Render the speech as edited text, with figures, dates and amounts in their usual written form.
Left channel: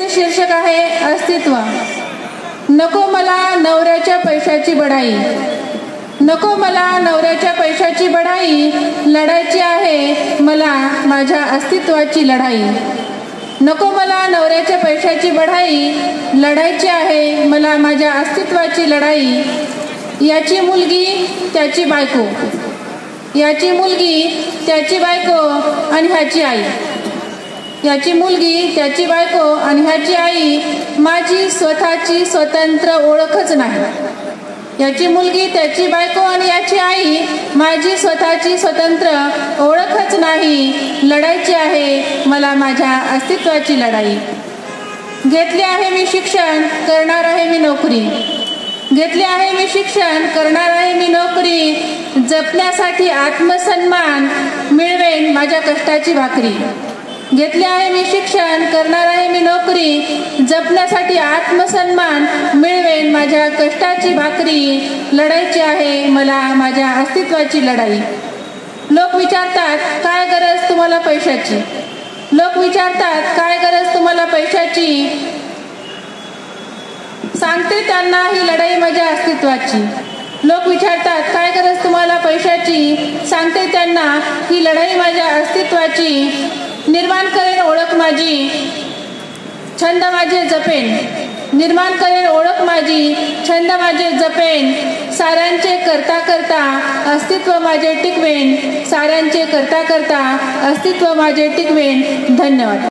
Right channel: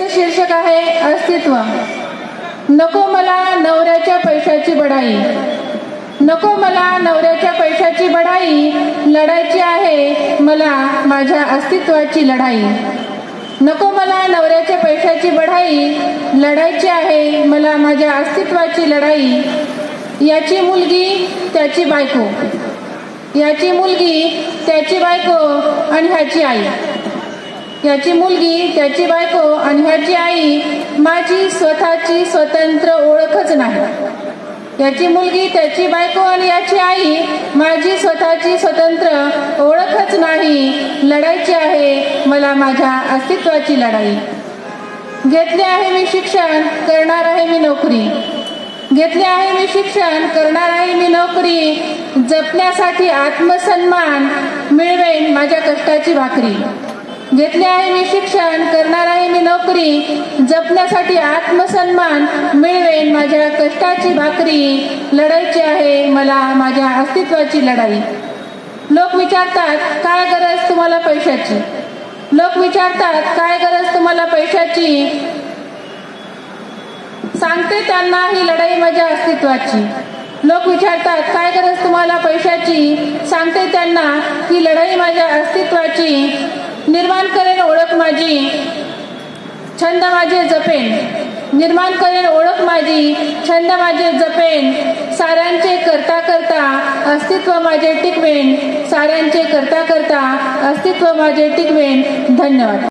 शीर्षक आहे अस्तित्व। नको मला नवऱ्याच्या पैशाची बढाई, नको मला नवऱ्याच्या पैशाची बढाई, लढायची आहे मला माझ्या अस्तित्वाची लढाई। नको मला नवऱ्याच्या पैशाची बढाई, लढायची आहे मला माझ्या अस्तित्वाची लढाई। याची मुलगी त्याची बायको, याची मुलगी त्याची बायको आणि ह्याची आई, याची मुलगी त्याची बायको आणि ह्याची आई माझी स्वतःची स्वतंत्र ओळखच नाही। याची मुलगी त्याची बायको आणि याची आई माझी स्वतःची स्वतंत्र ओळखच नाही। लढायची आहे मला माझ्या अस्तित्वाची लढाई। घेतले आहे मी शिक्षण, करणार आहे मी नोकरी, घेतले आहे मी शिक्षण, करणार आहे मी नोकरी। जपण्यासाठी आत्मसन्मान मिळवेन माझ्या कष्टाची भाकरी। घेतले आहे मी शिक्षण, करणार आहे मी नोकरी, जपण्यासाठी आत्मसन्मान मिळवेन माझ्या कष्टाची भाकरी। लढायची आहे मला माझ्या अस्तित्वाची लढाई। लोक विचारतात काय गरज तुम्हाला पैशाची, लोक विचारतात काय गरज तुम्हाला पैशाची। सांगते त्यांना ही लढाई माझ्या अस्तित्वाची। लोक विचारतात काय गरज तुम्हाला पैशाची, सांगते त्यांना ही लढाई माझ्या अस्तित्वाची। निर्माण करेन ओळख माझी, छंद माझे जपेन, निर्माण करेन ओळख माझी, छंद माझे जपेन। साऱ्यांचे करता करता अस्तित्व माझे टिकवेन, साऱ्यांचे करता करता अस्तित्व माझे टिकवेन। धन्यवाद।